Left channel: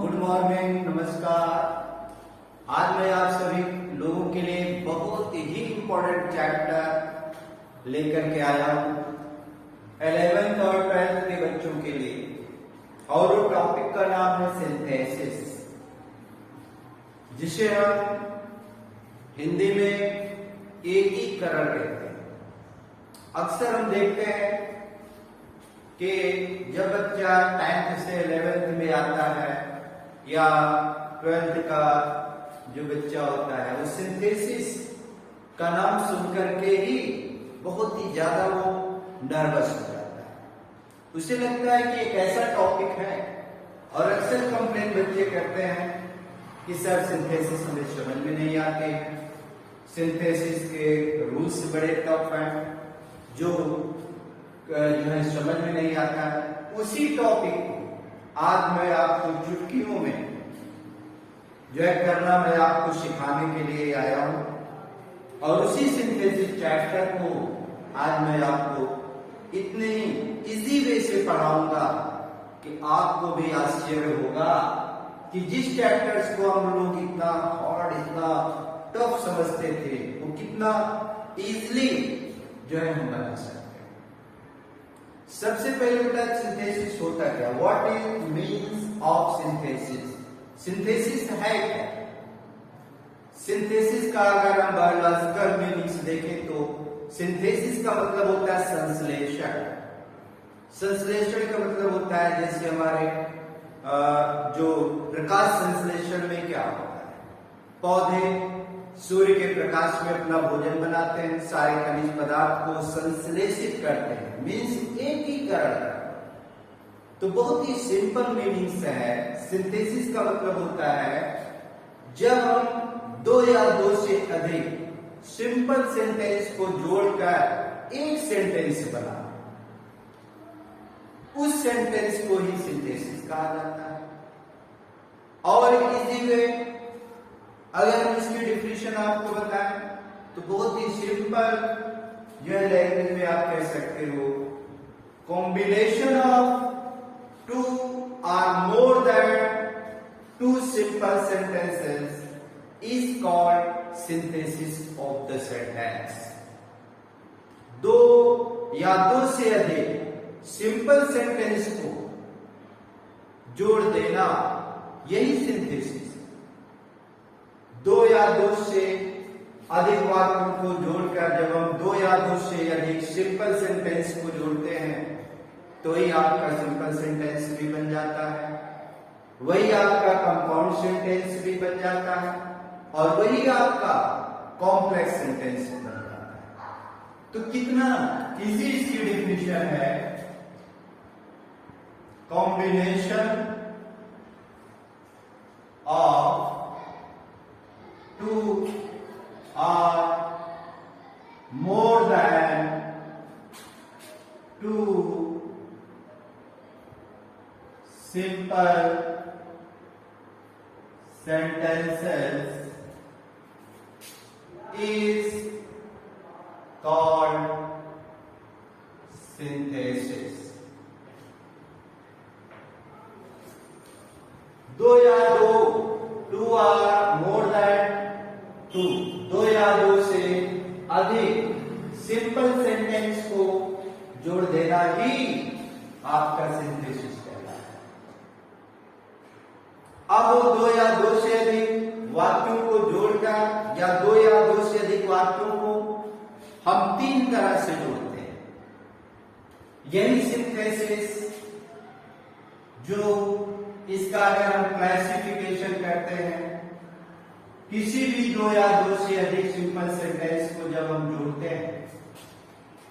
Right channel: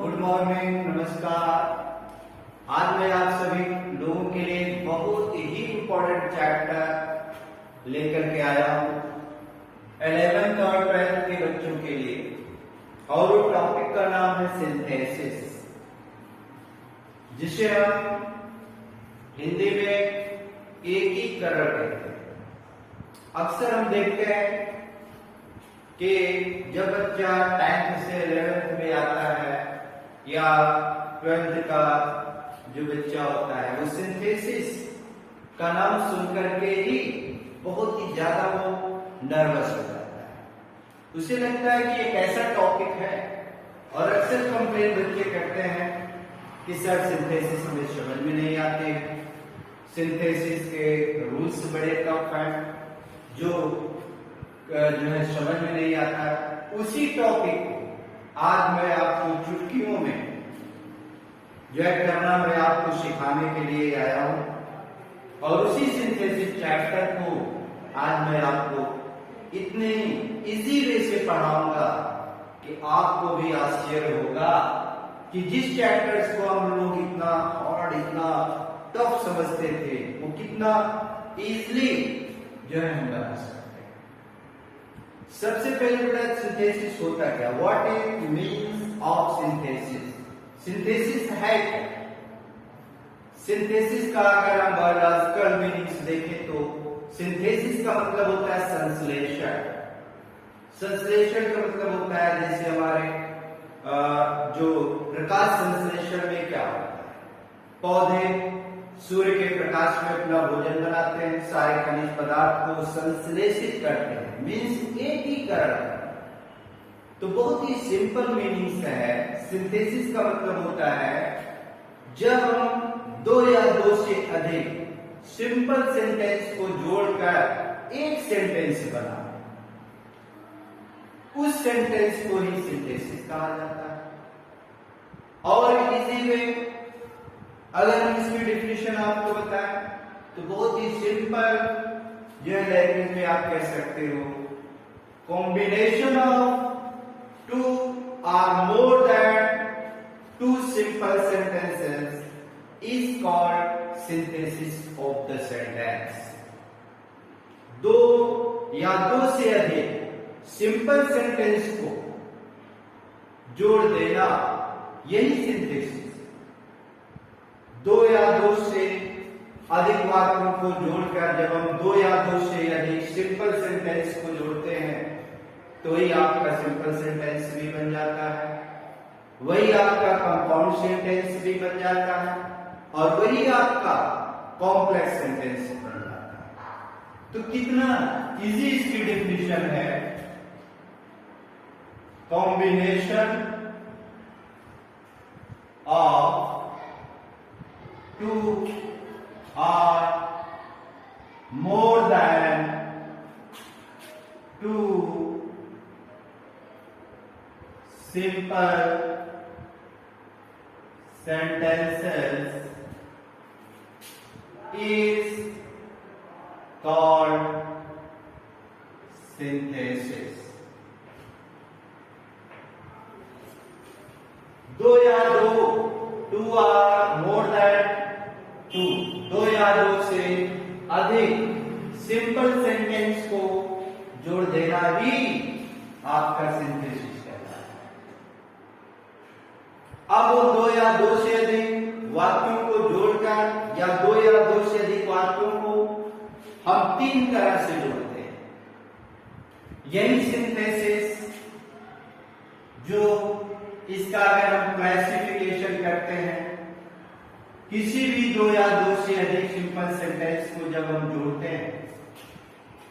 Good morning, नमस्कार। आज मैं आप सभी लोगों के लिए बहुत ही इम्पोर्टेंट चैप्टर लेकर के आया हूँ 11th और 12th के बच्चों के लिए। और टॉपिक का नाम है सिंथेसिस, जिसे हम हिंदी में एकीकरण कहते हैं। अक्सर हम देखते हैं कि जब बच्चा 10th से 11th में आता है या 12th का जो बच्चा होता है, वो सिंथेसिस का नाम सुनकर के ही बहुत ही ज्यादा वो नर्वस हो जाता है। उसे लगता है कि एक ऐसा टॉपिक है, और अक्सर कंप्लेन बच्चे करते हैं कि सर सिंथेसिस हमें समझ में नहीं आते, सिंथेसिस के रूल्स बड़े टफ हैं, जो है समझ में नहीं आता है। उसी टॉपिक को आज मैं आपको चुटकियों में जो है करना मैं आपको सिखाने के लिए आया हूं, और उसी सिंथेसिस चैप्टर को आज मैं आपको इतने इजी वे से पढ़ाऊंगा कि आपको भी आश्चर्य होगा कि जिस चैप्टर्स को हम लोग इतना हार्ड, इतना टफ समझते थे, वो कितना इजीली जो है हम बना सकते हैं। सबसे पहले बेटा सिंथेसिस होता क्या, what is means of synthesis. Synthesis है क्या? सिंथेसिस का अगर हम बायोलॉजिकल मीनिंग्स देखें तो सिंथेसिस का मतलब होता है संश्लेषण। संश्लेषण का मतलब होता है जैसे हमारे जो प्रकाश संश्लेषण में क्या होता है, पौधे सूर्य के प्रकाश में अपना भोजन बनाते हैं, सारे खनिज पदार्थ को संश्लेषित करते हैं, मीन्स एकीकरण। तो बहुत ही सिंपल मीनिंग्स है। सिंथेसिस का मतलब होता है जब हम दो या दो से अधिक सिंपल सेंटेंस को जोड़कर एक सेंटेंस बनाते, उस सेंटेंस को ही सिंथेसिस कहा जाता है। और इसीलिए अगर हम इसकी डेफिनेशन आपको बताएं तो बहुत ही सिंपल यह लैंग्वेज में आप कह सकते हो, combination of two or more than two simple sentences is called synthesis of the sentence. दो या दो से अधिक सिंपल सेंटेंस को जोड़ देना, यही सिंथेसिस। दो या दो से अधिक वाक्यों को जोड़कर जब हम दो या दो से अधिक सिंपल सेंटेंस को जोड़ते हैं तो ही आपका सिंपल सेंटेंस भी बन जाता है, वही आपका कंपाउंड सेंटेंस भी बन जाता है, और वही आपका कॉम्प्लेक्स सेंटेंस बन जाता है। तो कितना इजी इसकी डेफिनेशन है, combination of two or more than two simple sentences is called synthesis। दो या दो, two or more than two, दो या दो से अधिक सिंपल सेंटेंस को जोड़ देना ही आपका सिंथेसिस कहलाता है। अब वो दो या दो से अधिक वाक्यों को जोड़कर या दो या दो से अधिक वाक्यों को हम तीन तरह से जोड़ते हैं। यही सिंथेसिस जो इसका अगर हम क्लासिफिकेशन करते हैं, किसी भी दो या दो से अधिक सिंपल सेंटेंस को जब हम जोड़ते हैं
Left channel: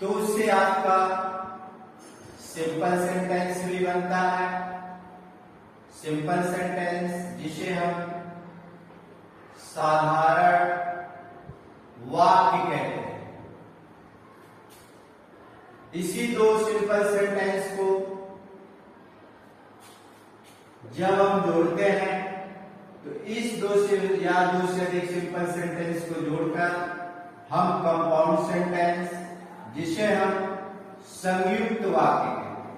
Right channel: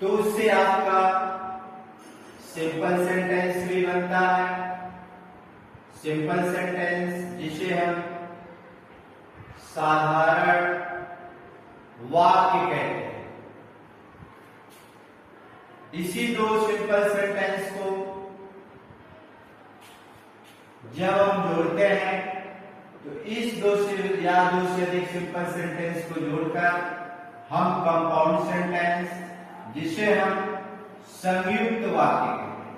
तो उससे आपका सिंपल सेंटेंस भी बनता है। सिंपल सेंटेंस जिसे हम साधारण वाक्य कहते हैं। इसी दो सिंपल सेंटेंस को जब हम जोड़ते हैं तो इस दो से या दो से अधिक सिंपल सेंटेंस को जोड़कर हम कंपाउंड सेंटेंस, जिसे हम संयुक्त वाक्य कहते हैं,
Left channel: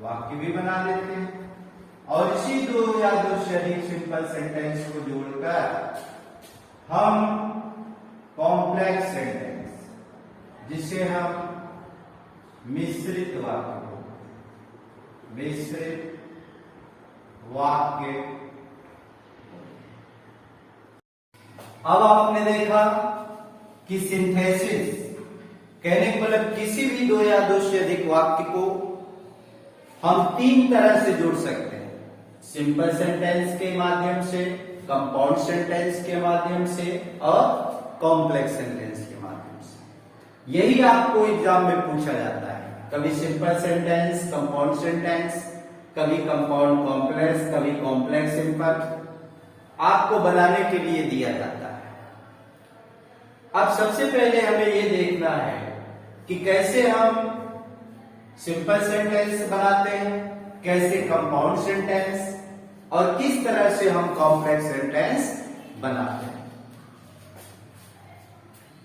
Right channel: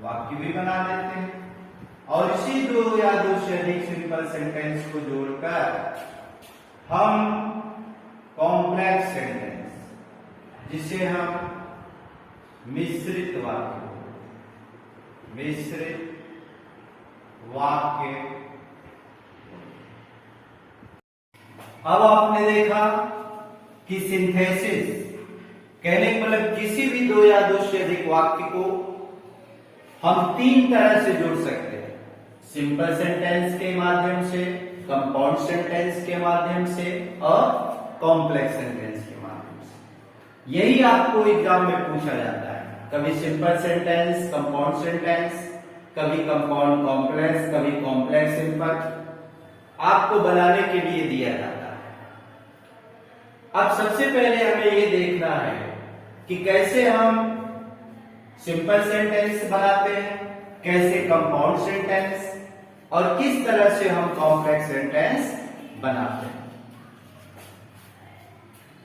वाक्य भी बना देते हैं। और इसी दो या दो से अधिक सिंपल सेंटेंस को जोड़कर हम कॉम्प्लेक्स सेंटेंस, जिसे हम मिश्रित वाक्य। अब आपने देखा कि सिंथेसिस कहने का मतलब किसी भी दो या दो से अधिक वाक्य को हम तीन तरह से जोड़ सकते हैं, सिंपल सेंटेंस के माध्यम से, कंपाउंड सेंटेंस के माध्यम से और कॉम्प्लेक्स सेंटेंस के माध्यम से। यही आपको एग्जाम में पूछा जाता है, कभी सिंपल सेंटेंस कंपाउंड सेंटेंस, कभी कंपाउंड कॉम्प्लेक्स, कभी कॉम्प्लेक्स सिंपल, आपको बनाने के लिए दिया जाता है। अब सबसे पहले हमें ये देखना है कि कैसे हम सिंपल सेंटेंस बनाते हैं, कैसे कंपाउंड सेंटेंस और किस तरह से हम कॉम्प्लेक्स सेंटेंस बनाते हैं।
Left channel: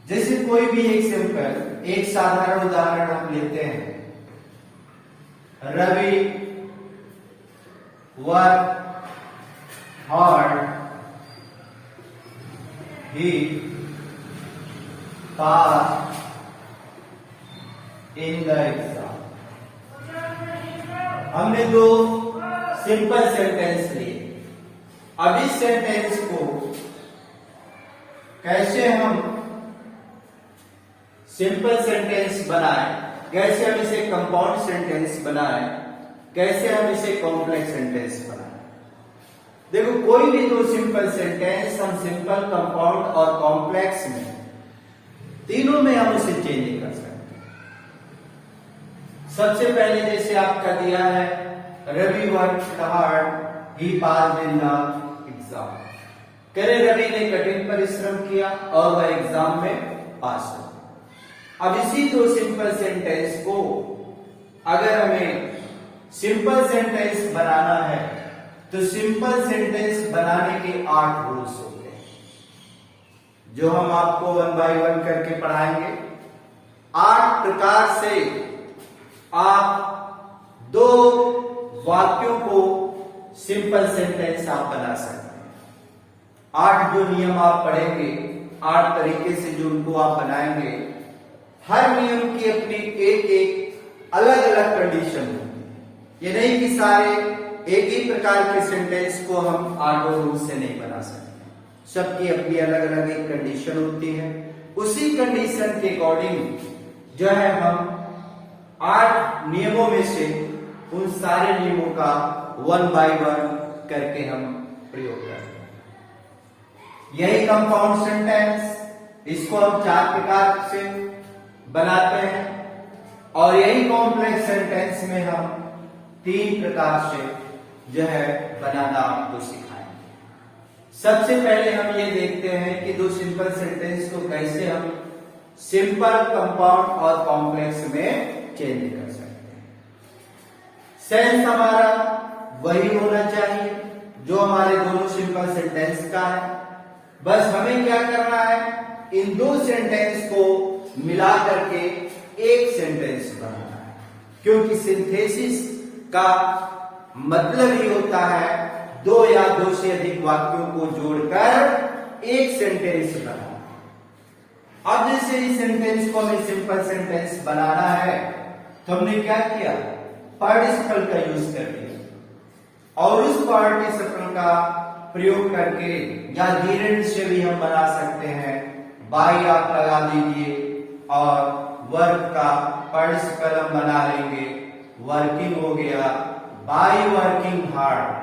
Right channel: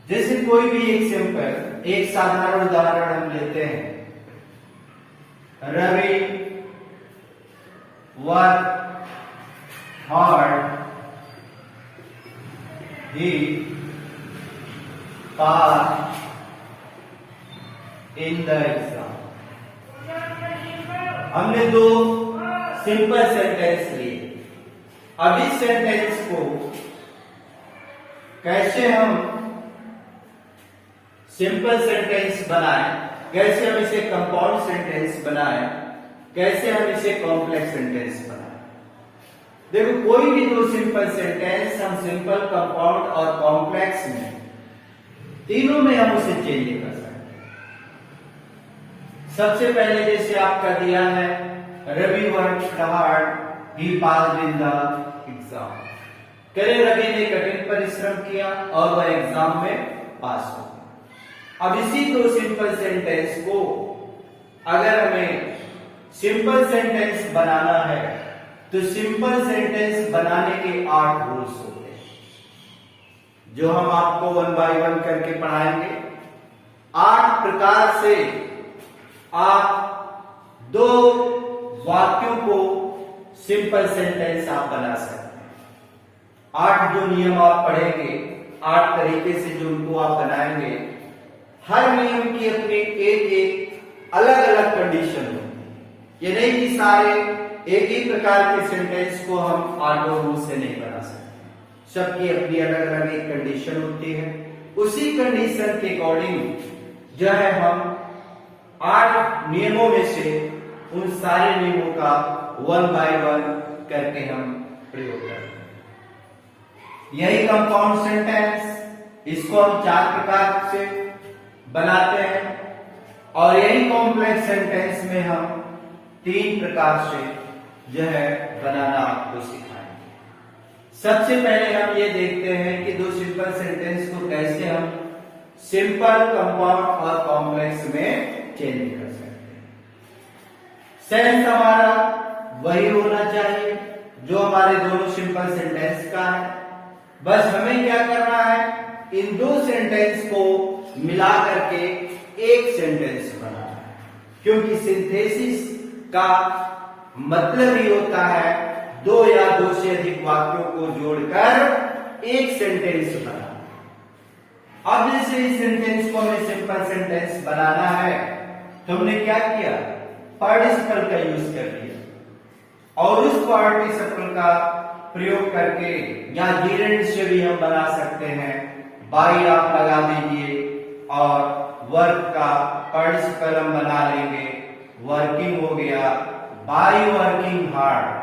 जैसे कोई भी एक साधारण उदाहरण हम लेते हैं, Ravi work hard, he pass in the exam. हमने दो सिंपल सेंटेंस लिए। अब इस सेंटेंस को कैसे हम सिंपल सेंटेंस बनाएं, कैसे हम इसे कंपाउंड सेंटेंस बनाएं, कैसे हम इसे कॉम्प्लेक्स सेंटेंस बनाएं। देखो, कोई भी दो सिंपल सेंटेंस हम सिंपल, कंपाउंड और कॉम्प्लेक्स में, तीनों में हम उसे चेंज कर सकते हैं। सबसे पहले जैसे आपका दिया है, Ravi work hard, he passed in the exam. कह रहे रवि ने कठिन परिश्रम किया और वह एग्जाम में पास हो गया। अब इसी दो सिंपल सेंटेंस को अगर हमें सिंपल सेंटेंस बनाना है तो सिंपल सेंटेंस बनाने के 8 रूल्स होते हैं, जो हम आपको 1 बाय 1 करके पढ़ाएंगे। 8 प्रकार से आप दो वाक्यों को सिंपल सेंटेंस आप बना सकते हैं। 8 जो नियम आप पढ़ेंगे, 8 तरीके से जो उनको आप बनाएंगे, हर नियम की अपनी एक अलग अलग कंडीशन होती है। ये नहीं कि सारे एक ही प्रकार के सेंटेंस को हम 8 रूल से नहीं बना सकते, सबकी अपनी अलग अलग एक कंडीशन होती है। उसी कंडीशन के अकॉर्डिंग जो है हम 8 नियमों में से उन सारे नियमों का 1 बाय 1 करके हम प्रयोग करते हैं। यही कंपाउंड सेंटेंस, इसको हम 4 प्रकार से बनाते हैं, और यही कॉम्प्लेक्स सेंटेंस में हम 3 प्रकार से जो है बनाना आपको सिखाएंगे। सबसे पहले हम ये देखते हैं कि दो सिंपल सेंटेंस को कैसे हम सिंपल, कंपाउंड और कॉम्प्लेक्स में चेंज कर सकते हैं। सेंस हमारा वही होना चाहिए जो हमारे दोनों सिंपल सेंटेंस का है। बस हमें क्या करना है, इन दो सेंटेंस को मिला करके एक सेंटेंस बनाना है, क्योंकि सिंथेसिस का मतलब ही होता है दो या दो से अधिक वाक्यों को जोड़कर एक सेंटेंस बनाना। अब जैसे इस सेंटेंस को हमें सिंपल सेंटेंस बनाना है तो हमने क्या किया, पार्टिसिपल का यूज कर लिया, और उस पार्टिसिपल का प्रयोग करके या जीरेंड से भी हम बना सकते हैं। बाई आप लगा दीजिए और वर्क का पार्टिसिपल हम बना लेंगे, वर्किंग हो गया, बाय वर्किंग हार्ड,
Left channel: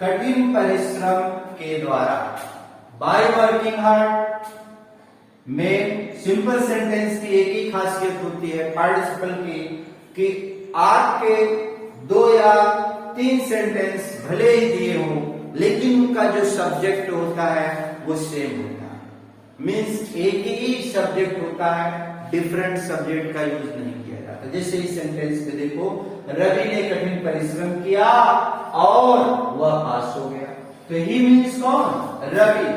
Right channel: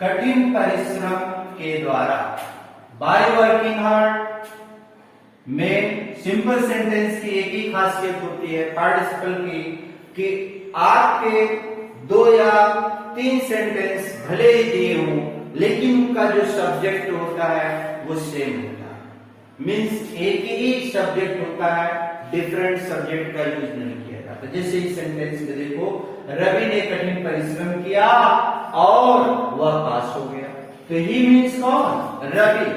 कठिन परिश्रम के द्वारा। बाय वर्किंग हार्ड में सिंपल सेंटेंस की एक ही खासियत होती है पार्टिसिपल की, कि आपके 2 या 3 सेंटेंस भले ही दिए हों, लेकिन उनका जो सब्जेक्ट होता है वो सेम होता है। मीन्स एक ही सब्जेक्ट होता है, डिफरेंट सब्जेक्ट का यूज नहीं किया जाता। जैसे इस सेंटेंस में देखो, रवि ने कठिन परिश्रम किया और वह पास हो गया, तो ही मीन्स कौन, रवि।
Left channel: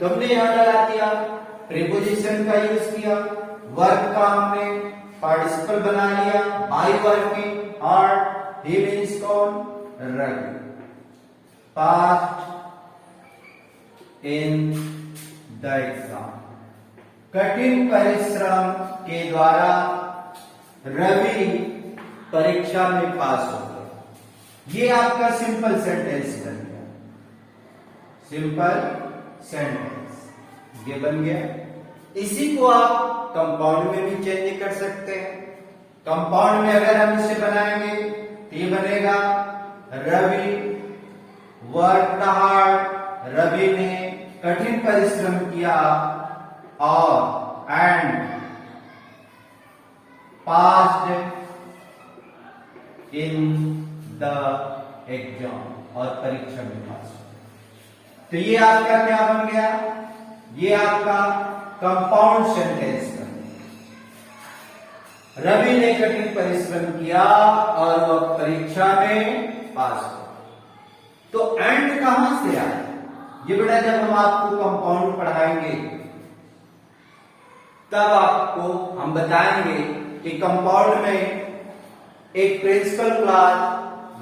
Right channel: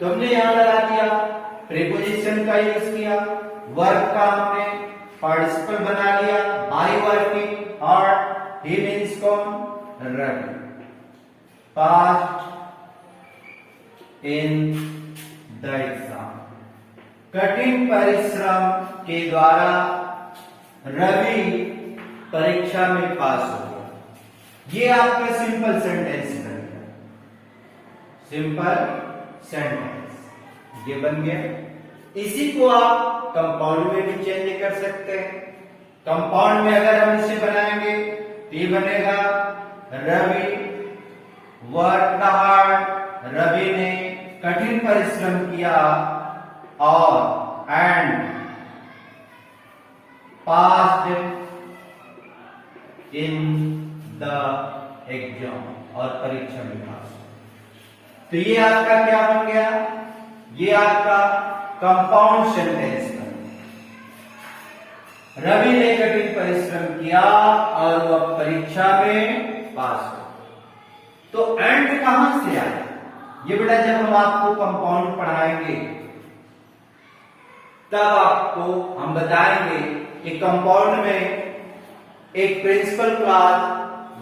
तो हमने यहां लगा दिया, प्रीपोजिशन का यूज किया, वर्क का हमने पार्टिसिपल बना लिया, by working hard, he means कौन, Ravi. passed in the exam. कठिन परिश्रम के द्वारा रवि परीक्षा में पास हो गया। ये आपका सिंपल सेंटेंस बन गया। सिंपल सेंटेंस ये बन गया। इसी को आप कंपाउंड में भी चेंज कर सकते हैं। कंपाउंड में अगर हम इसे बनाएंगे तो ये बनेगा रवि वर्क हार्ड, रवि ने कठिन परिश्रम किया और and passed in the exam, और परीक्षा में पास। तो ये आपका क्या बन गया? ये आपका कंपाउंड सेंटेंस बन गया। रवि ने कठिन परिश्रम किया और वह परीक्षा में पास हो। तो एंड कहां से आया? ये बेटा जब हम आपको कंपाउंड पढ़ाएंगे तब आपको हम बताएंगे कि कंपाउंड में एक principal clause,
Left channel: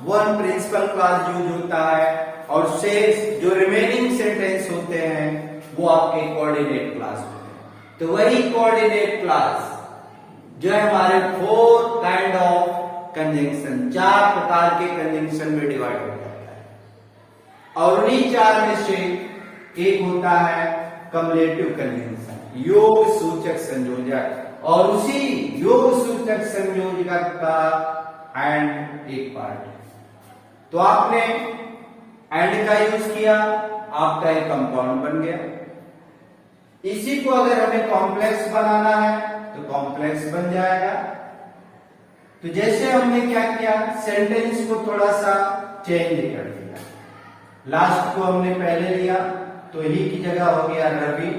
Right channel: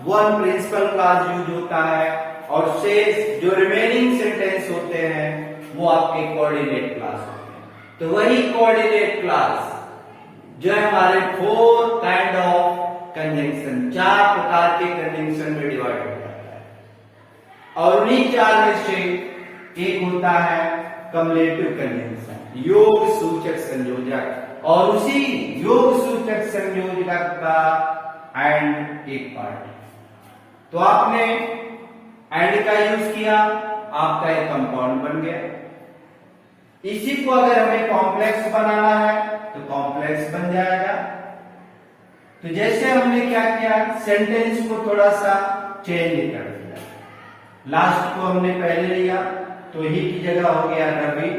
one principal clause use होता है और शेष जो रिमेनिंग सेंटेंस होते हैं वो आपके कोऑर्डिनेट क्लॉज होते हैं। तो वही कोऑर्डिनेट क्लॉज जो है हमारे 4 काइंड ऑफ कंजंक्शन, 4 प्रकार के कंजंक्शन में डिवाइड हो जाता है और उन्हीं 4 में से एक होता है कम्युलेटिव कंजंक्शन, योग सूचक संयोजक, और उसी योग सूचक संयोजक का एंड एक पार्ट। तो आपने एंड का यूज किया, आपका एक कंपाउंड बन गया। इसी को अगर हमें कॉम्प्लेक्स बनाना है तो कॉम्प्लेक्स बन जाएगा। तो जैसे हमने क्या किया, सेंटेंस को थोड़ा सा चेंज कर दिया। लास्ट को हमने पहले लिया तो ही की जगह हो गया Ravi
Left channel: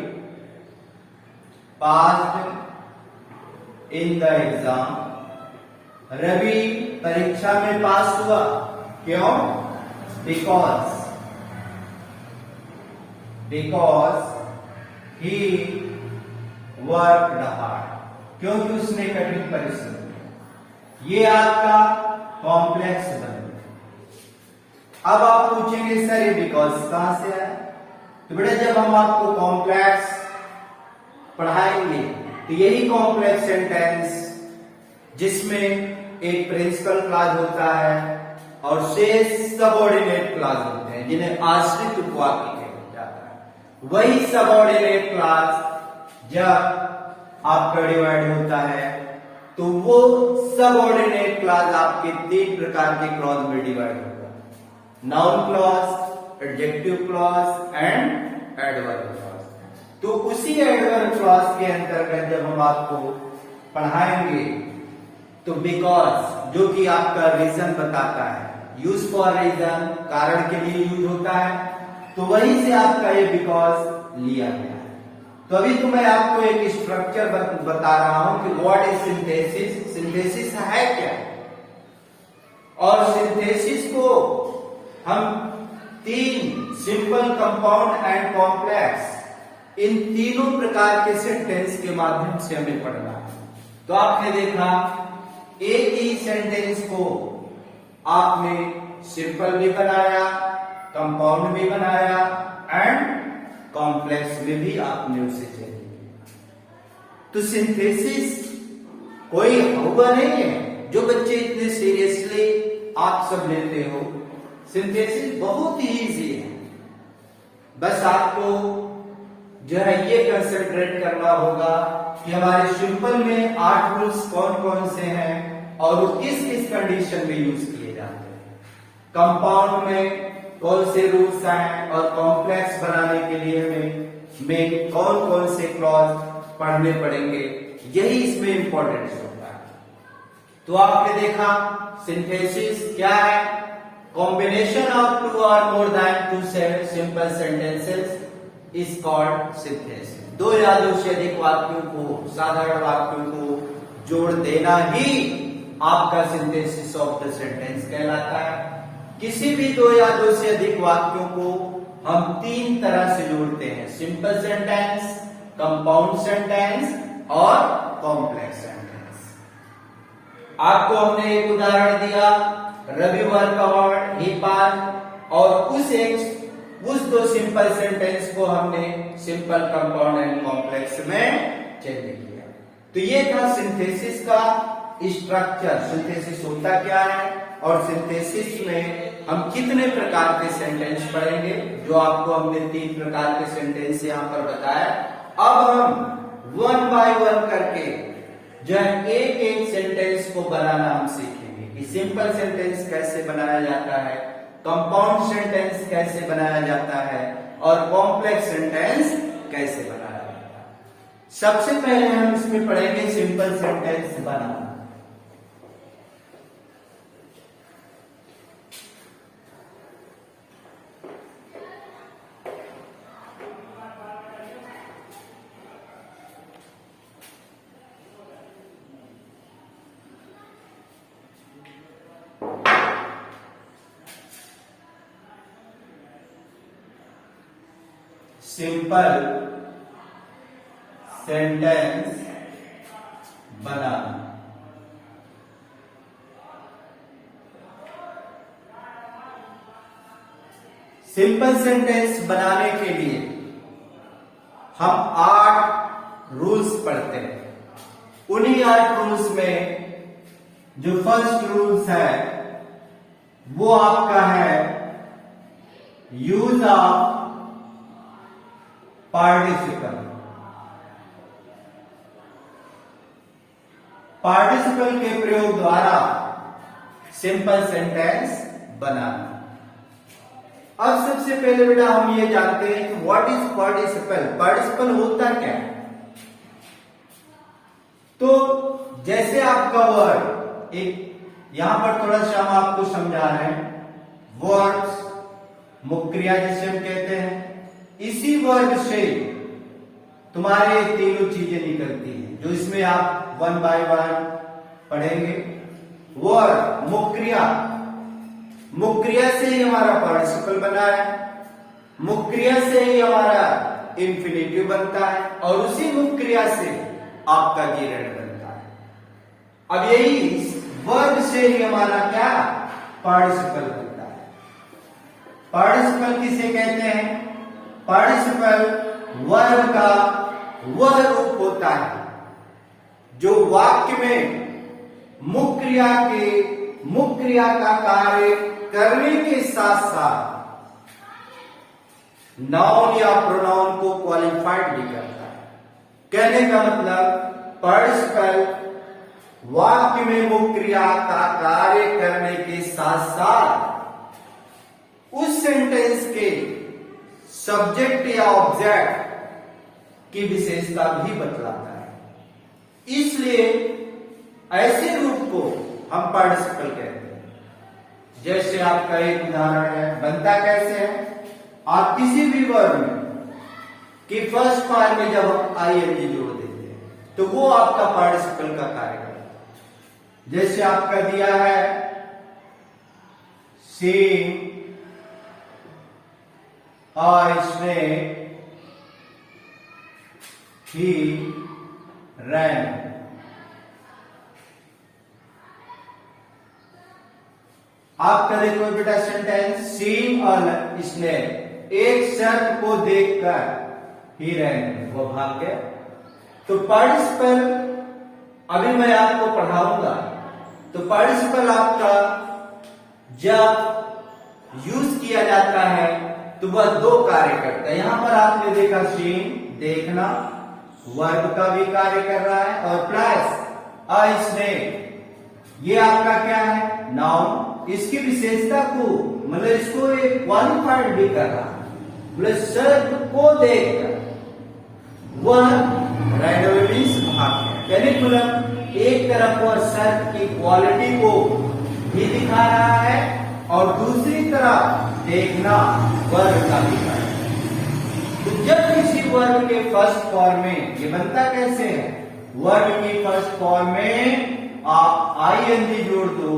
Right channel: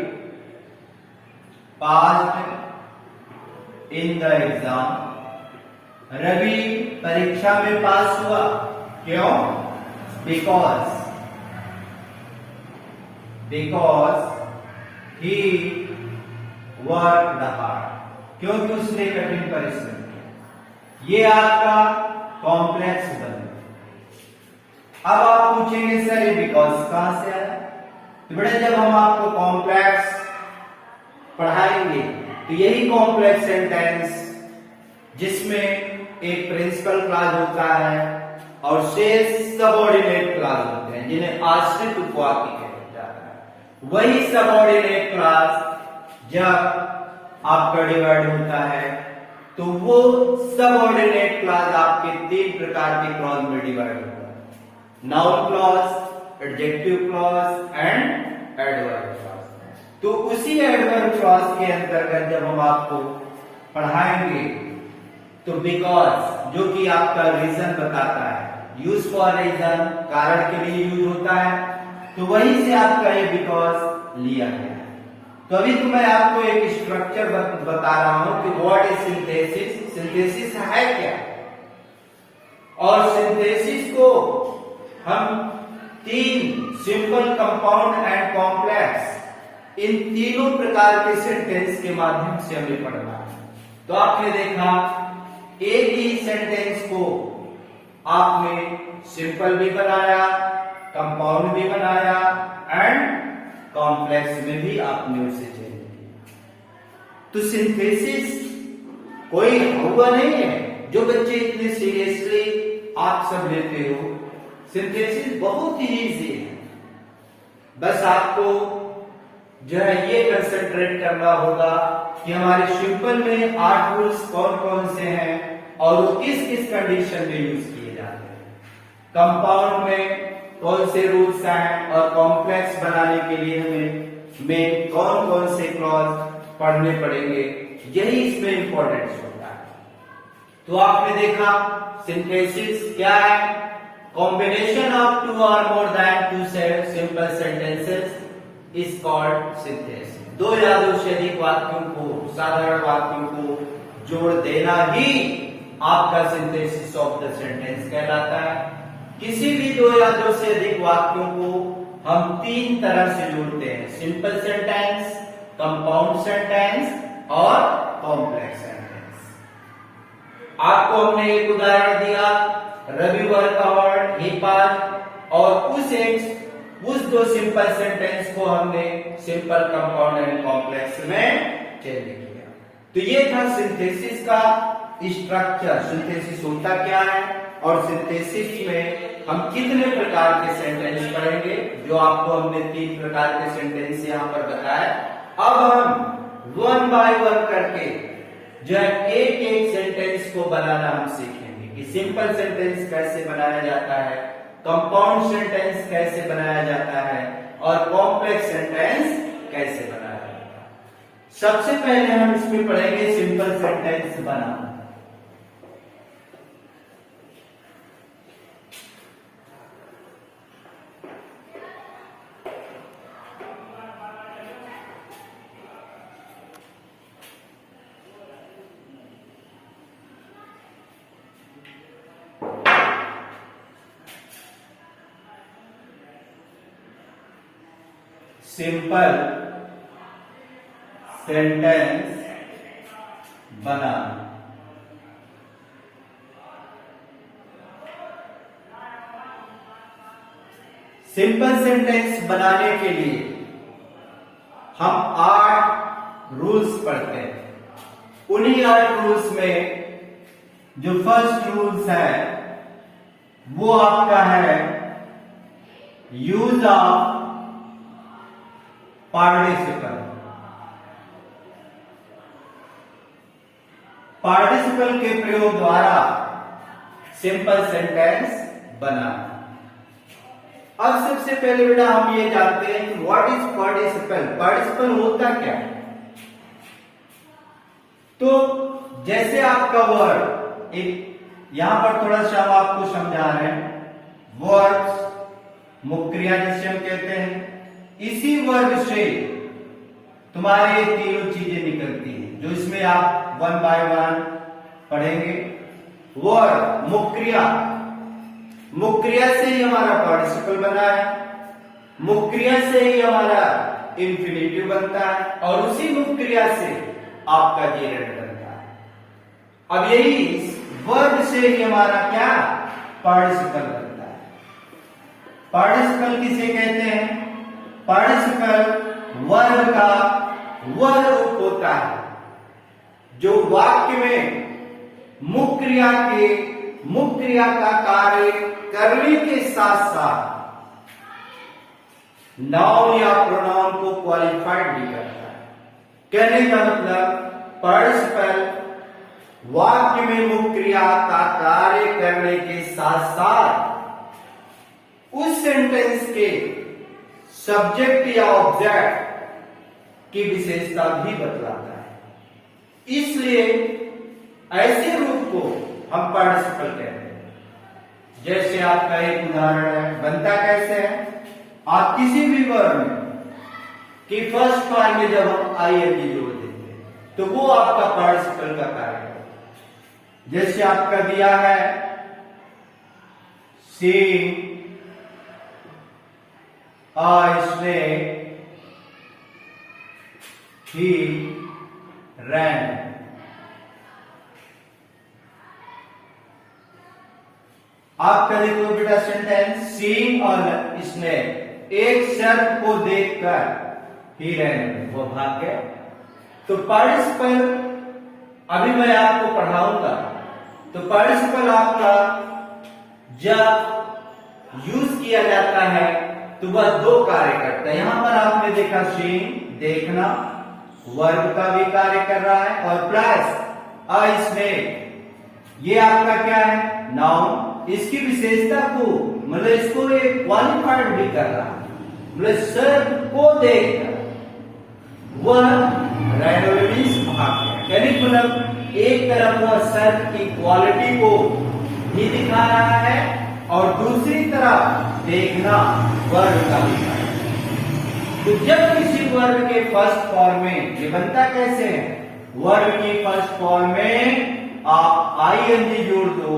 passed in the exam. Ravi परीक्षा में पास हुआ। क्यों? बिकॉज ही वर्कड हार्ड, क्योंकि उसने कठिन परिश्रम किया। ये आपका कॉम्प्लेक्स बन गया। अब आप पूछेंगे सर ये बिकॉज कहां से है? तो बेटा जब हम आपको कॉम्प्लेक्स पढ़ाएंगे तो यही कॉम्प्लेक्स सेंटेंस जिसमें एक प्रिंसिपल क्लॉज होता है और शेष सबऑर्डिनेट क्लॉज होते हैं जिन्हें आश्रित उपवाक्य कहा जाता है, वही सबऑर्डिनेट क्लॉज जब आपका डिवाइड होता है तो वो सबऑर्डिनेट क्लॉज आपके 3 प्रकार के क्लॉज में डिवाइड होगा: noun clause, adjective clause and adverb clause. तो उसी एडवर्ब क्लॉज के अंतर्गत जब हम आपको पढ़ाएंगे तो बिकॉज जो कि आपका रीजन बताता है, यूज फॉर रीजन, कारण के लिए यूज होता है, तो वहीं से आपका ये बिकॉज लिया गया है। तो अभी तो मैं आपको एक स्ट्रक्चर बता रहा हूं कि व्हाट इज सिंथेसिस। सिंथेसिस है क्या, और सिंथेसिस को हम 3 सिंपल, कंपाउंड एंड कॉम्प्लेक्स, इन तीनों प्रकार के सेंटेंस के माध्यम से हमें पढ़ना है। तो आपने देखा एक ही सेंटेंस को आपने सिंपल भी बनाया, कंपाउंड भी बनाया एंड कॉम्प्लेक्स में भी आपने उसे चेंज किया। तो सिंथेसिस कोई हुआ नहीं है जो बच्चे इतने सीरियसली आप सब लेते हो। सिंथेसिस बहुत ही इजी है, बस आपको जो है ये कंसंट्रेट करना होगा कि हमारे सिंपल में 8 रूल्स कौन कौन से हैं और वो किस किस कंडीशन में यूज किए जाते हैं, कंपाउंड में कौन से रूल्स हैं, और कॉम्प्लेक्स बनाने के लिए हमें कौन कौन से क्लॉज पढ़ने पड़ेंगे, यही इसमें इंपॉर्टेंस होता है। तो आपने देखा सिंथेसिस क्या है? Combination of 2 or more than 2 simple sentences is called synthesis. 2 या 2 से अधिक वाक्यों को, साधारण वाक्यों को जोड़ देना ही आपका सिंथेसिस ऑफ द सेंटेंस कहलाता है। किसी भी 2 या 2 से अधिक वाक्यों को हम 3 तरह से जोड़ते हैं: सिंपल सेंटेंस, कंपाउंड सेंटेंस और कॉम्प्लेक्स सेंटेंस। आपको हमने एक उदाहरण दिया, Ravi work hard, he passed, और उस दो सिंपल सेंटेंस को हमने सिंपल, कंपाउंड एंड कॉम्प्लेक्स में चेंज किया। तो ये था सिंथेसिस का स्ट्रक्चर। सिंथेसिस होता क्या है और सिंथेसिस में हम कितने प्रकार के सेंटेंस पढ़ेंगे, जो आपको हमने 3 प्रकार के सेंटेंस यहां पर बताया। अब हम 1 बाय 1 करके जो है एक एक सेंटेंस को बनाना हम सीखेंगे कि सिंपल सेंटेंस कैसे बनाया जाता है, कंपाउंड सेंटेंस कैसे बनाया जाता है और कॉम्प्लेक्स सेंटेंस कैसे बनाया जाता है। सबसे पहले हम इसमें पढ़ेंगे सिंपल सेंटेंस बनाना। सिंपल सेंटेंस बनाना। सिंपल सेंटेंस बनाने के लिए हम 8 रूल्स पढ़ते हैं। उन्हीं 8 रूल्स में जो फर्स्ट रूल्स है वो आपका है यूज ऑफ पार्टिसिपल। पार्टिसिपल के प्रयोग द्वारा सिंपल सेंटेंस बनाना। अब सबसे पहले बेटा हम ये जानते हैं कि व्हाट इज पार्टिसिपल। पार्टिसिपल होता क्या? तो जैसे आपका वर्ड, एक यहां पर थोड़ा सा हम आपको समझा रहे हैं। वर्ड्स, मुख्य क्रिया जिसे हम कहते हैं, इसी वर्ग से तुम्हारे तीनों चीजें निकलती हैं जो इसमें आप 1 बाय 1 पढ़ेंगे। वर्ड, मुख्य क्रिया, मुख्य क्रिया से ही हमारा पार्टिसिपल बना है, मुख्य क्रिया से ही हमारा इंफिनिटिव बनता है और उसी मुख्य क्रिया से आपका जेरेंड बनता है। अब यही वर्ग से ही हमारा क्या पार्टिसिपल बनता है। पार्टिसिपल किसे कहते हैं? पार्टिसिपल वर्ग का वह रूप होता है जो वाक्य में मुख्य क्रिया का कार्य करने के साथ साथ नाउन या प्रोनाउन को क्वालिफाइड भी करता है। कहने का मतलब पार्टिसिपल वाक्य में मुख्य क्रिया का कार्य करने के साथ साथ उस सेंटेंस के सब्जेक्ट या ऑब्जेक्ट की विशेषता भी बतलाता है। इसलिए ऐसे रूप को हम पार्टिसिपल कहते हैं। जैसे आपका एक उदाहरण है, बनता कैसे है? आप किसी भी वर्ड में कि फर्स्ट फॉर्म में जब हम आईएनजी जोड़ देते हैं तो वो आपका पार्टिसिपल का कार्य है। जैसे आपका दिया है seeing a snake, he ran. आपका देखो बेटा सेंटेंस, सीइंग अ स्नेक, एक सर्प को देखकर ही ran, वो भाग गया। तो पार्टिसिपल अभी मैं आपको पढ़ाऊंगा। तो पार्टिसिपल आपका जब यूज किया जाता है तो वह 2 कार्य करता है। यहां पर आपने देखा सीइंग, देखना, वर्ब का भी कार्य कर रहा है और प्लस अ स्नेक, ये आपका क्या है? नाउन। इसकी विशेषता को मतलब इसको ये क्वालिफाइड भी कर रहा है, मतलब सर्प को देखकर वह रैंडमली भाग गया। कहने का मतलब एक तरफ वह सर्प की क्वालिटी को भी दिखा रहा है और दूसरी तरफ देखना वर्ग का भी कार्य है। तो जब किसी वर्ग के फर्स्ट फॉर्म में, ये बनता कैसे है? वर्ग की फर्स्ट फॉर्म में आप आईएनजी जोड़ दो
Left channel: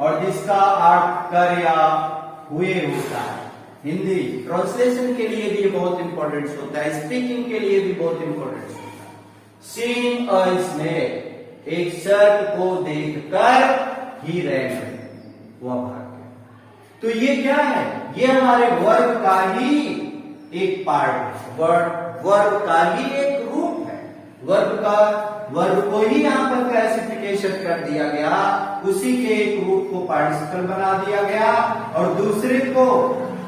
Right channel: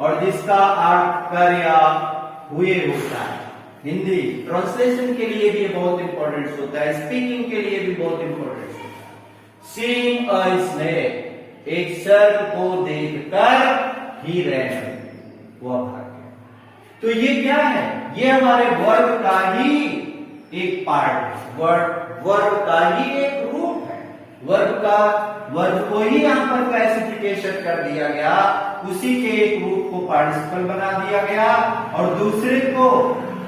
और जिसका अर्थ कर या हुए होता है। हिंदी ट्रांसलेशन के लिए भी बहुत इंपॉर्टेंट होता है, स्पीकिंग के लिए भी बहुत इंपॉर्टेंट होता है। सीइंग अ स्नेक, एक सर्प को देखकर ही रैन, वह भाग गया। तो ये क्या है? ये हमारे वर्ब का ही एक पार्ट है, वर्ब का ही एक रूप है। वर्ब को ही यहाँ पर क्लासिफिकेशन कर दिया गया, उसी के एक रूप को पार्टिसिपल बना दिया गया, और दूसरे को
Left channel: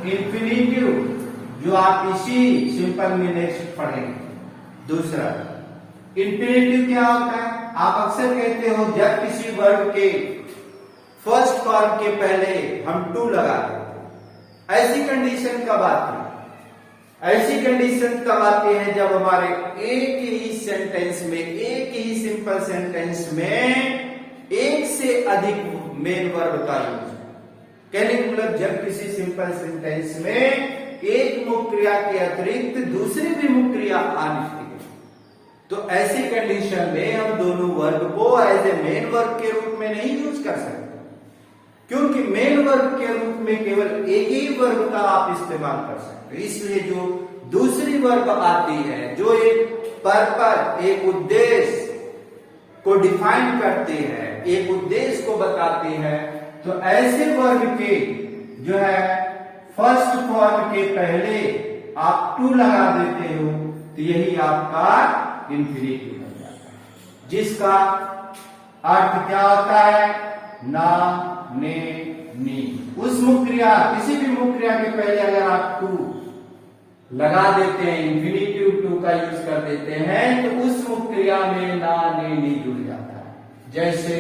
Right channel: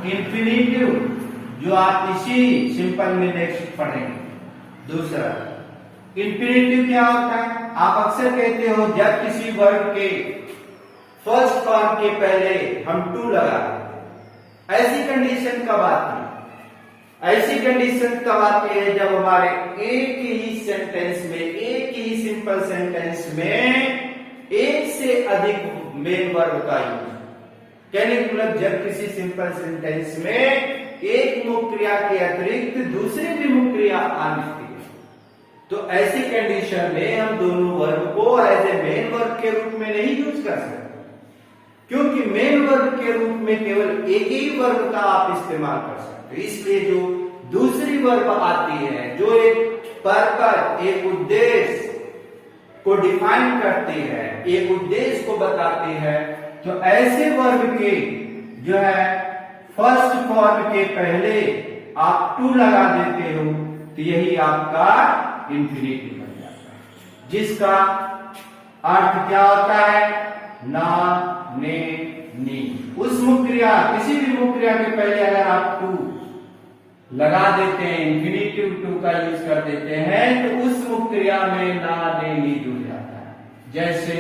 इंफिनिटिव, जो आप इसी सिंपल में नेक्स्ट पढ़ेंगे। दूसरा इंफिनिटिव क्या होता है? आप अक्सर कहते हो जब किसी वर्ब के फर्स्ट फॉर्म के पहले हम टू लगा देते हैं, ऐसी कंडीशन कब आती है? ऐसी कंडीशन तब आती है जब हमारे एक ही सेंटेंस में, एक ही सिंपल सेंटेंस में एक से अधिक मेन वर्ब का यूज। कहने का मतलब जब किसी सिंपल सेंटेंस में एक मुख्य क्रिया के अतिरिक्त दूसरी भी मुख्य क्रिया आनी चाहिए, तो ऐसी कंडीशन में हम दोनों वर्ब को एज ए मेन वर्ब के रूप में नहीं यूज कर सकते, क्योंकि मेन वर्ब के रूप में केवल एक ही वर्ब का आप इस्तेमाल कर सकते। इसलिए जो दूसरी वर्ब आती है, जो एक पर्पस, एक उद्देश्य को डिफाइन करती है, एक उद्देश्य को बताती है, तो ऐसे वर्ब के जो है फर्स्ट फॉर्म के पहले आप टू लगा देते हो, तो यही आपका इंफिनिटिव बन जाता है, जिसका अर्थ क्या होता है? ना, ने, नी। उस मुख्य क्रिया, किसी भी मुख्य क्रिया के पहले अगर आप टू लगा देते हैं, इंफिनिटिव टू का यूज कर देते हैं, तो उस मुख्य क्रिया में ना, ने, नी जुड़ जाता है। जैसे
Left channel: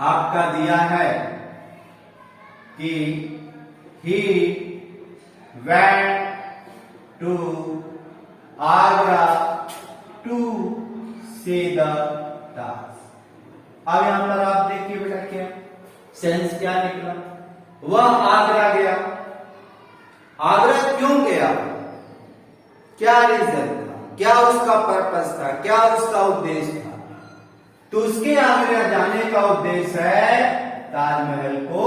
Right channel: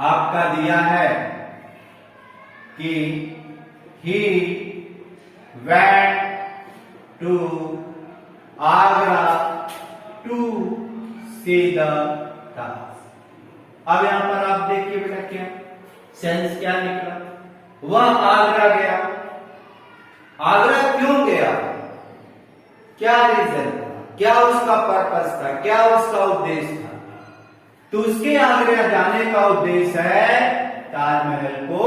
आपका दिया है कि he went to Agra to see the task। अब यहां पर आप देखिए बेटा क्या सेंस क्या निकला? वह आगरा गया। आगरा क्यों गया? क्या रीजन था? क्या उसका पर्पस था? क्या उसका उद्देश्य था? तो उसके आगरा जाने का उद्देश्य है ताजमहल को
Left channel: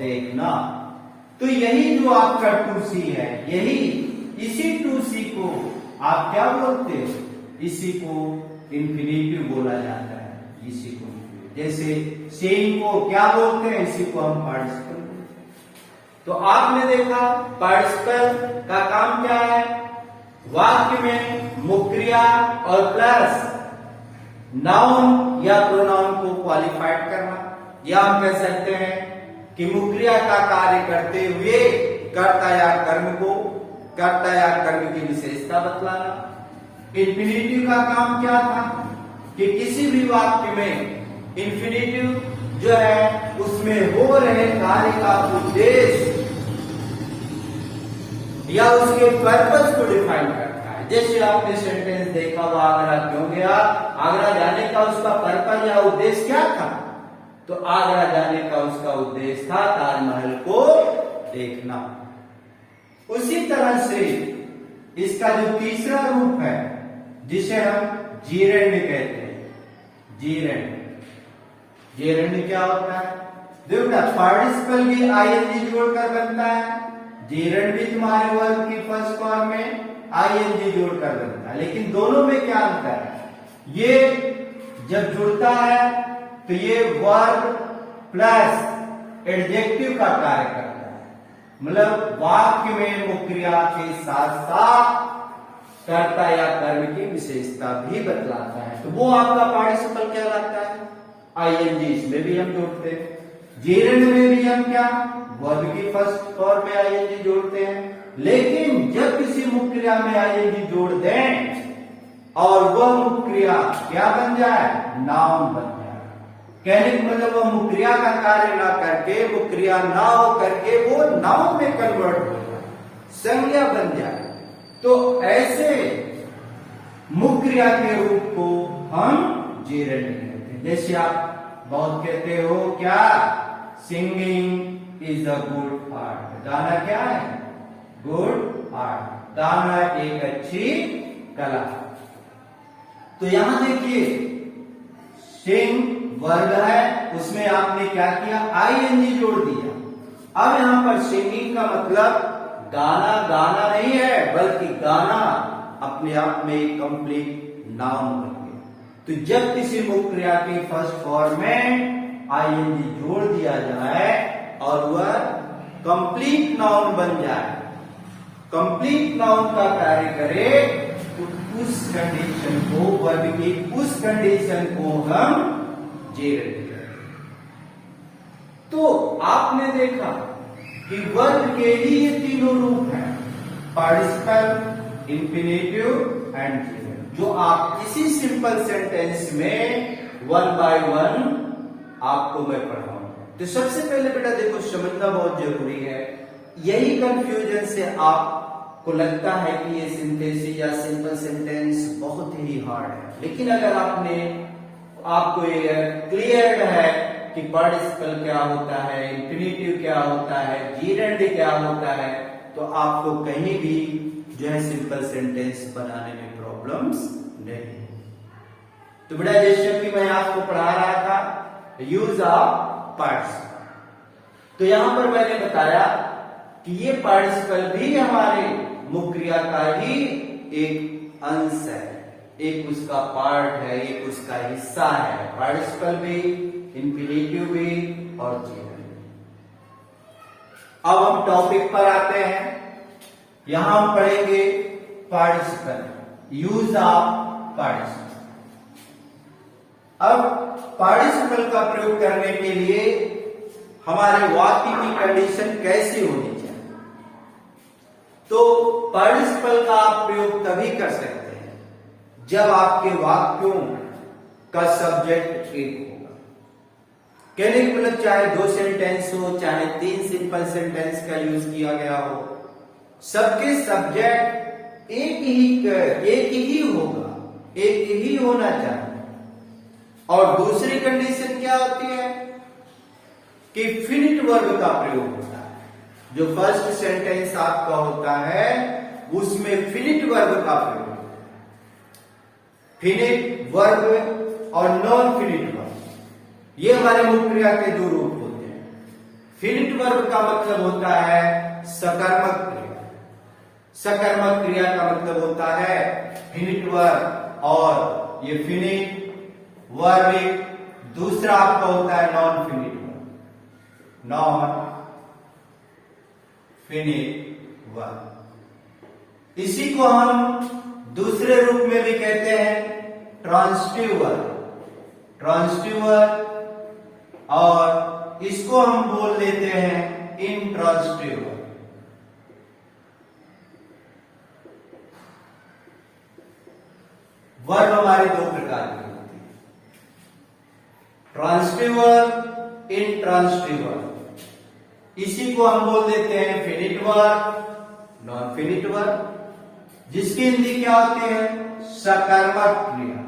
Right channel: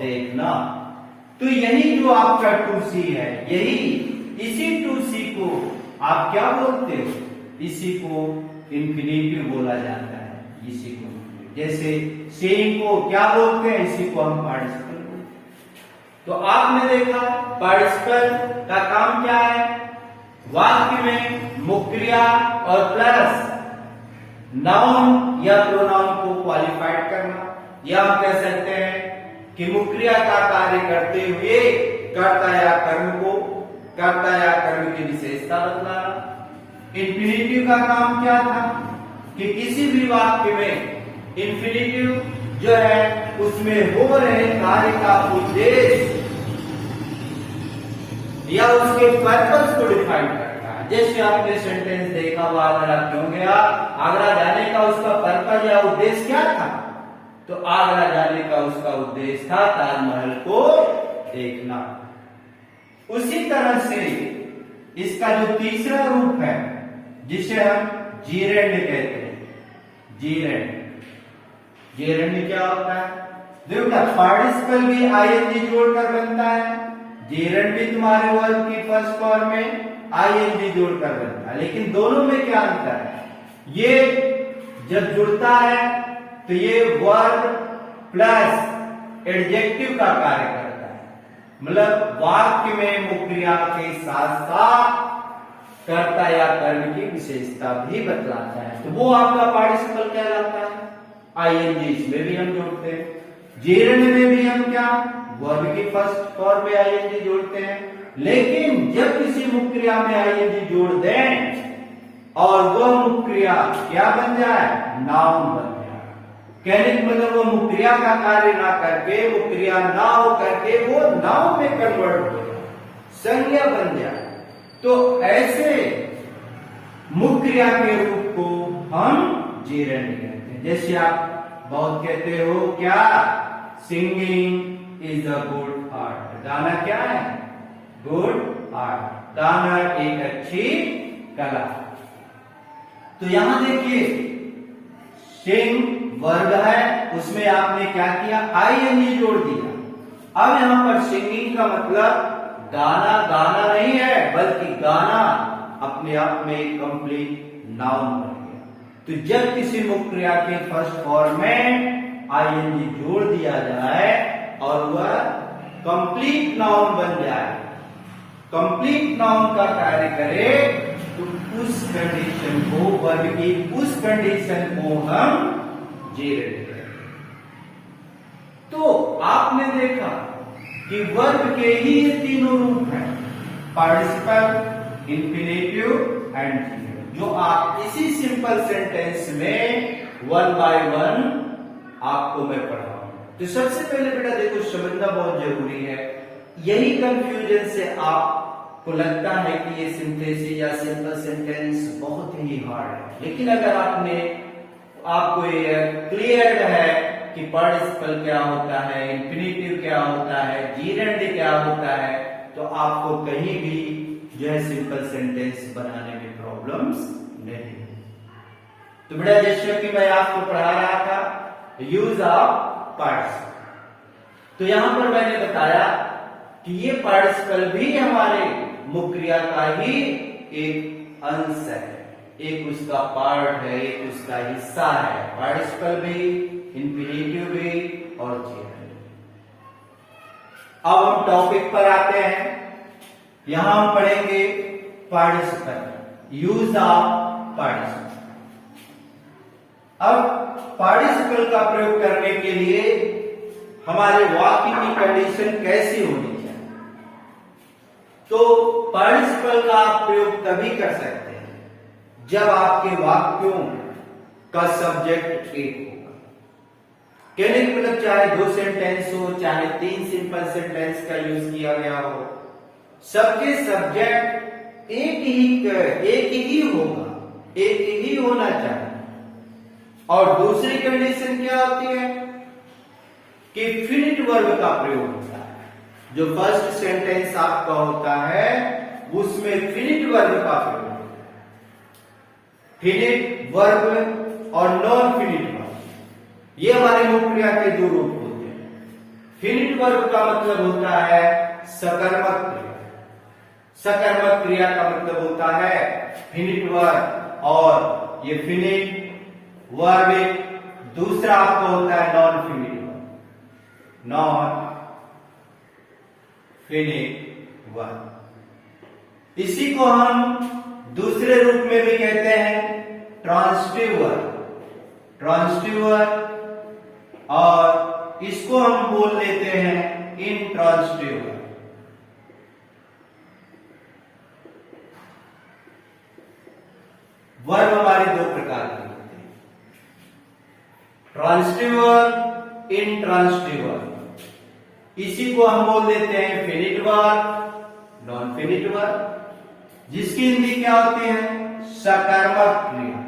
देखना। तो यही जो आपका 2C है, यही इसी 2C को आप क्या बोलते हो? इसी को इंफिनिटिव बोला जाता है। इसी को जैसे सेइंग को क्या बोलते हैं? इसी को हम पार्टिसिपल बोलते हैं। तो आपने देखा पार्टिसिपल का काम क्या है? वाक्य में मुख्य क्रिया और प्लस नाउन या प्रोनाउन को क्वालिफाइड करना, या हम कह सकते हैं कि मुख्य क्रिया का कार्य करते हुए कर्ता या कर्म की विशेषता बतलाना। इंफिनिटिव का काम क्या था? कि किसी भी वाक्य में इंफिनिटिव जो है उसमें हो रहे कार्य का उद्देश्य या उसके पर्पस को डिफाइन करता है। जैसे आपने सेंटेंस देखा, वो आगरा क्यों गया? आगरा जाने का उसका पर्पस या उद्देश्य क्या था? तो आगरा जाने का उसका उद्देश्य था ताजमहल को देखना। उसी तरह से इसका जो तीसरा रूप है, जिसे हम जीरेंड कहते हैं, जीरेंड क्या होता है? देखो पार्टिसिपल भी आईएनजी जोड़कर बनता है, जीरेंड भी तुम्हारे वर्ब की फर्स्ट फॉर्म में आईएनजी जोड़कर बनता है, लेकिन दोनों में क्या अंतर है? ये जब जुड़ता है तो ये वर्ब प्लस एडजेक्टिव का कार्य करता है, मतलब वाक्य में मुख्य क्रिया के साथ साथ कर्ता या कर्म की विशेषता भी बतलाता है, तो वो आपका पार्टिसिपल कहलाता है। आईएनजी इसमें भी हम जोड़ते हैं, जेरेंड में भी हम क्या वर्ब की फर्स्ट फॉर्म में आईएनजी जोड़ते हैं, लेकिन जब किसी मुख्य क्रिया में आईएनजी जोड़ दें और वह मुख्य क्रिया क्या बन जाए? नाउन बन जाए। कहने का मतलब वो मुख्य क्रिया का कार्य ना करके, मुख्य क्रिया ना हो करके वो नाउन में कन्वर्ट हो जाए, संज्ञा बन जाए, तो ऐसे मुख्य क्रिया के रूप को हम जेरेंड कहते हैं। जैसे आप बहुत कहते हो क्या? Singing is a good art. गाना क्या है? Good art. गाना एक अच्छी कला। तो यहां देखिए सिंग वर्ब है, उसमें आपने क्या किया? आईएनजी जोड़ दिया। अब यहां पर सिंगिंग का मतलब गाना गाना नहीं है, बल्कि गाना अपने आप में एक कंप्लीट नाउन बन गया। तो जब किसी मुख्य क्रिया के फर्स्ट फॉर्म में आईएनजी जोड़ दिया जाए और वह कंप्लीट नाउन बन जाए, कंप्लीट नाउन का कार्य करे, तो उस कंडीशन को, वर्ब की उस कंडीशन को हम जेरेंट करें। तो आपने देखा कि वर्ब के ही ये तीनों रूप हैं, पार्टिसिपल, इंफिनिटिव एंड जेरेंट, जो आप इसी सिंपल सेंटेंस में वन बाय वन आपको मैं पढ़ाऊं। तो सबसे पहले बेटा देखो, समझना बहुत जरूरी है। यही कंफ्यूजन से आपको लगता है कि ये सिंथेसिस या सिंपल सेंटेंस बहुत ही हार्ड है, लेकिन अगर आपको ये क्लियर है कि पार्टिसिपल क्या होता है, इंफिनिटिव क्या होता है, जीरेंड क्या होता है, तो आपको कहीं भी जो है सिंपल सेंटेंस बनाने में प्रॉब्लम्स नहीं। तो बेटा जैसे कि मैं आपको पढ़ा रहा था यूज ऑफ पार्टिसिपल, तो यहां पर मैंने बताया कि ये पार्टिसिपल भी हमारे मुख्य क्रिया का ही एक अंश है, एक उसका पार्ट है, एक उसका हिस्सा है। पार्टिसिपल भी, इंफिनिटिव भी और जेरेंड। अब हम टॉपिक पर आते हैं। यहां हम पढ़ेंगे पार्टिसिपल, यूज ऑफ पार्टिसिपल। अब पार्टिसिपल का प्रयोग करने के लिए हमारे वाक्य की कंडीशन कैसी होनी चाहिए? तो पार्टिसिपल का आप प्रयोग तभी कर सकते हैं जब आपके वाक्यों का सब्जेक्ट एक होगा। कहने का मतलब चाहे 2 सेंटेंस हो, चाहे 3 सिंपल सेंटेंस का यूज किया गया हो, सबके सब्जेक्ट एक ही होगा, एक ही होना चाहिए। और दूसरी कंडीशन क्या होती है कि फिनिट वर्ब का प्रयोग होता है। जो फर्स्ट सेंटेंस आपका होता है उसमें फिनिट वर्ब का प्रयोग होता है। फिनिट वर्ब और नॉन फिनिट वर्ब, ये हमारे मुख्य क्रिया के 2 रूप होते हैं। फिनिट वर्ब का मतलब होता है सकर्मक क्रिया, सकर्मक क्रिया का मतलब होता है फिनिट वर्ब, और ये फिनिट वर्ब दूसरा आपका होता है non finite verb, non finite verb. इसी को हम दूसरे रूप में भी कहते हैं ट्रांसिटिव वर्ब, ट्रांसिटिव वर्ब, और इसको हम बोल देते हैं इंट्रांसिटिव वर्ब। वर्ब हमारे 2 प्रकार के, ट्रांसिटिव वर्ब, इंट्रांसिटिव वर्ब। इसी को हम बोल देते हैं finite verb, non finite verb, जिसकी हिंदी क्या होती है? सकर्मक क्रिया,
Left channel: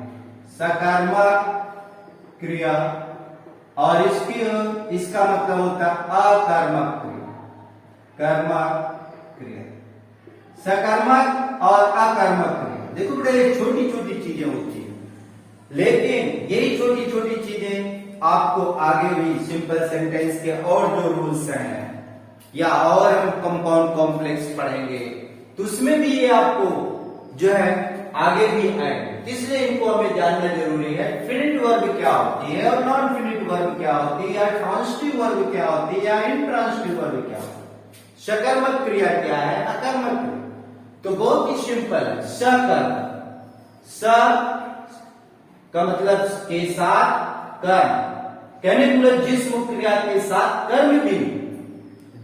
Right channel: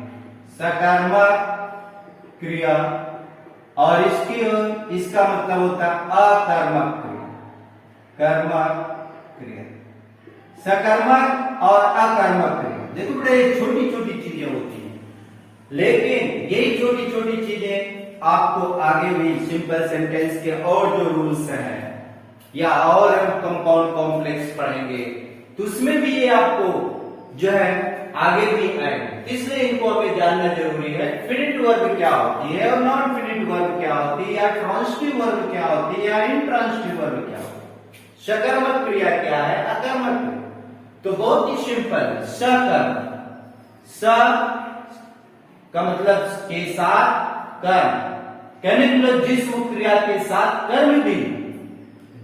सकर्मक क्रिया। और इसका मतलब होता है अकर्मक क्रिया, कर्मक क्रिया। सकर्मक और अकर्मक क्रिया, देखो बेटा ये छोटी छोटी चीजें होती हैं, लेकिन यही छोटी छोटी चीजें आपको आगे भी सिंपल सेंटेंस के और जो रूल्स हैं या और हम कंपाउंड कॉम्प्लेक्स पढ़ेंगे तो उसमें भी ये आपको जो है आगे भी आएंगे, इसलिए इनको हमें जानना जरूरी है। फिनिट वर्ब क्या होती है और नॉन फिनिट वर्ब क्या होती है, या ट्रांसिटिव वर्ब क्या होती है, या इंट्रांसिटिव वर्ब क्या होती है, सकर्मक क्रिया क्या है, अकर्मक क्रिया। तो बहुत ही सिंपल है, सकर्मक, स का मतलब के साथ कर्म, कहने के मतलब जिस मुख्य क्रिया के साथ कर्म भी,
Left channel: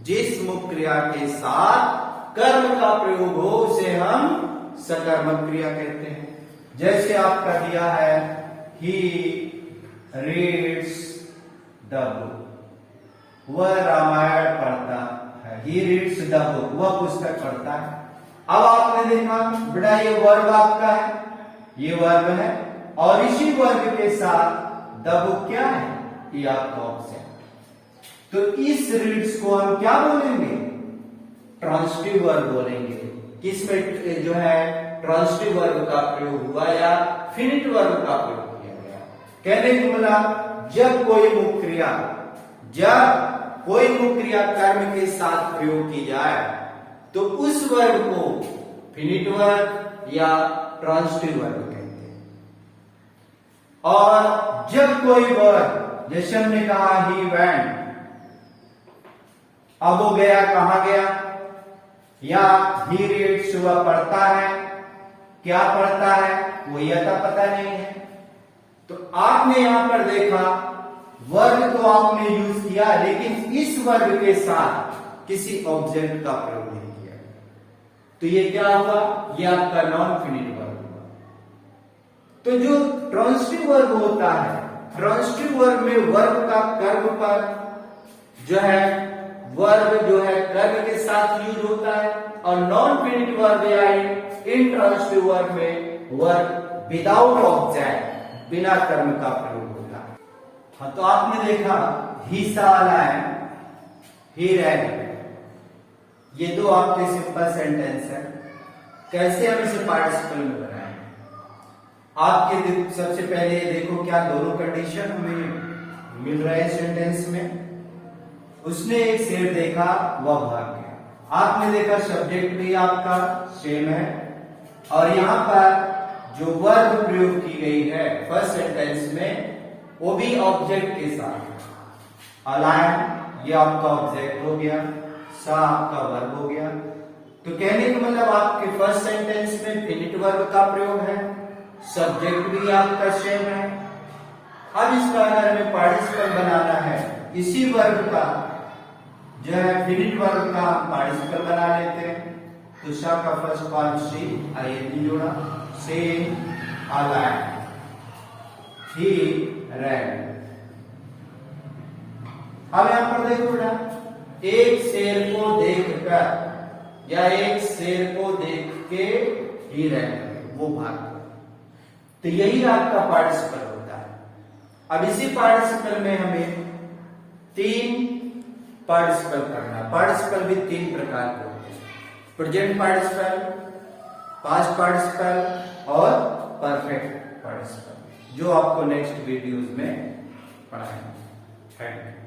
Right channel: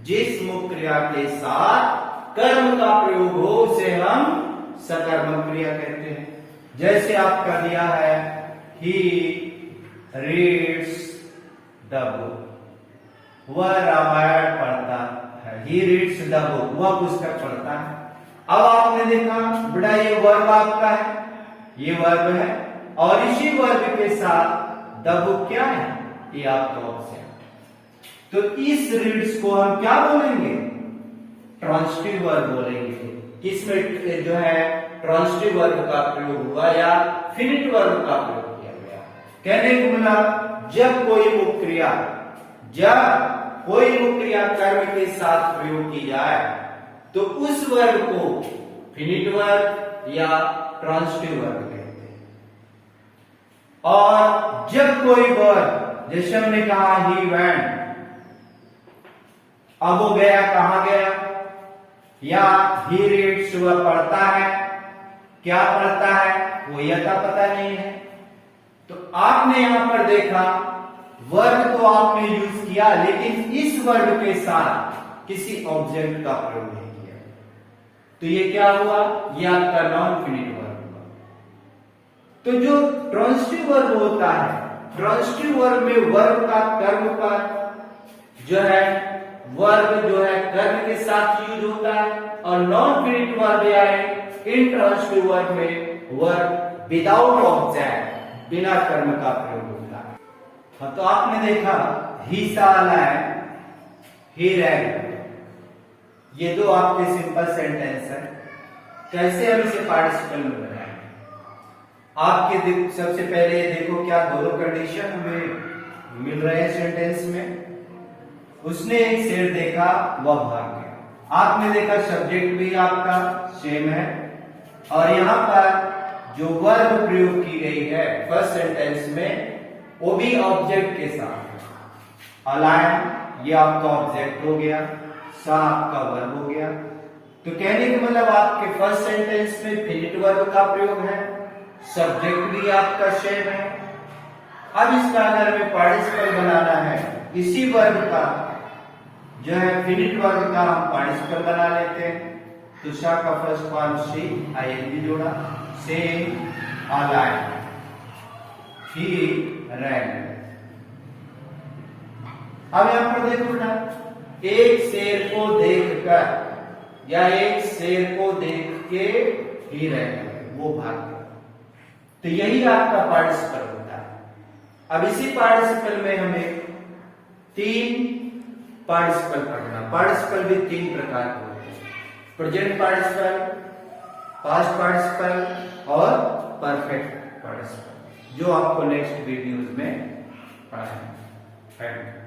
जिस मुख्य क्रिया के साथ कर्म का प्रयोग हो उसे हम सकर्मक क्रिया कहते हैं। जैसे आपका दिया है ही रीड्स द बुक, वह रामायण पढ़ता है, ही रीड्स द बुक, वह पुस्तक पढ़ता है। अब आपने देखा बेटा ये वर्ब आपका है, ये वर्ब है, और इसी वर्ब के साथ द बुक क्या है, ये आपका ऑप्शन। तो इस रीड्स को हम क्या बोलेंगे? ट्रांसिटिव वर्ब बोलेंगे। किसमें जो है ट्रांसिटिव वर्ब का प्रयोग हुआ या फिनिट वर्ब का प्रयोग किया गया। कहने को मिला जब कोई मुख्य क्रिया कर्म के साथ प्रयोग की जाए तो उस वर्ब को फिनिट वर्ब या ट्रांसिटिव वर्ब कहते हैं। और जब कोई वर्ब, जैसे हमने कहा ही वेंट, अब वो गया कहां गया, या ही रीड्स वह पढ़ता है, क्या पढ़ता है वो यह तो पता नहीं है। तो आपने यहां पर देखा वर्ब तो आपने यूज किया, लेकिन इस वर्ब के साथ किसी ऑब्जेक्ट का प्रयोग नहीं किया। तो ये क्या हुआ, ये आपका नॉन फिनिट वर्ब हुआ। तो जो ट्रांजिटिव वर्ब होता है, ट्रांजिटिव वर्ब में वर्ब का कर्म पर जो है, वर्ब जो है कर्म के साथ यूज होता है, और नॉन फिनिट वर्ब या इंट्रांजिटिव वर्ब में वर्ब विदाउट ऑब्जेक्ट, बिना कर्म का प्रयोग होता है। हाँ, तो आपने देखा ही saw lamb, he ran, ये दो आपके सिंपल सेंटेंस है। कैसे हम इसे पार्टिसिपल में बनाएंगे? आपके सबसे पहले देखो क्या दोनों कंडीशन हमें मिल रहे हैं सेंटेंस में। उसने एक शेर देखा, वह भाग गया। आपने देखा सब्जेक्ट भी आपका सेम है, और यहां पर जो वर्ब प्रयोग की गई है फर्स्ट सेंटेंस में, वो भी ऑब्जेक्ट के साथ। अलायन ये आपका ऑब्जेक्ट हो गया, सा आपका वर्ब हो गया। तो कहने का मतलब आपके फर्स्ट सेंटेंस में फिनिट वर्ब का प्रयोग है, सब्जेक्ट भी आपका सेम है। अब इसका अगर हमें पार्टिसिपल बनाना है, इसी वर्ब का जो है फिनिट वर्ब का हम पार्टिसिपल बना लेते हैं। तो सा का फर्स्ट फॉर्म सी आईएनजी जोड़ा, से अलायन, ही रैन। अब यहां पर देखो ना, एक शेर को देखकर या एक शेर को देख के ही रैन, वो भाग गया। तो यही आपका पार्टिसिपल होता है। अब इसी पार्टिसिपल में हमें तीन पार्टिसिपल पढ़ना। पार्टिसिपल भी तीन प्रकार के होते हैं, प्रेजेंट पार्टिसिपल, पास्ट पार्टिसिपल और परफेक्ट पार्टिसिपल, जो आपको नेक्स्ट वीडियोस में पढ़ाएंगे।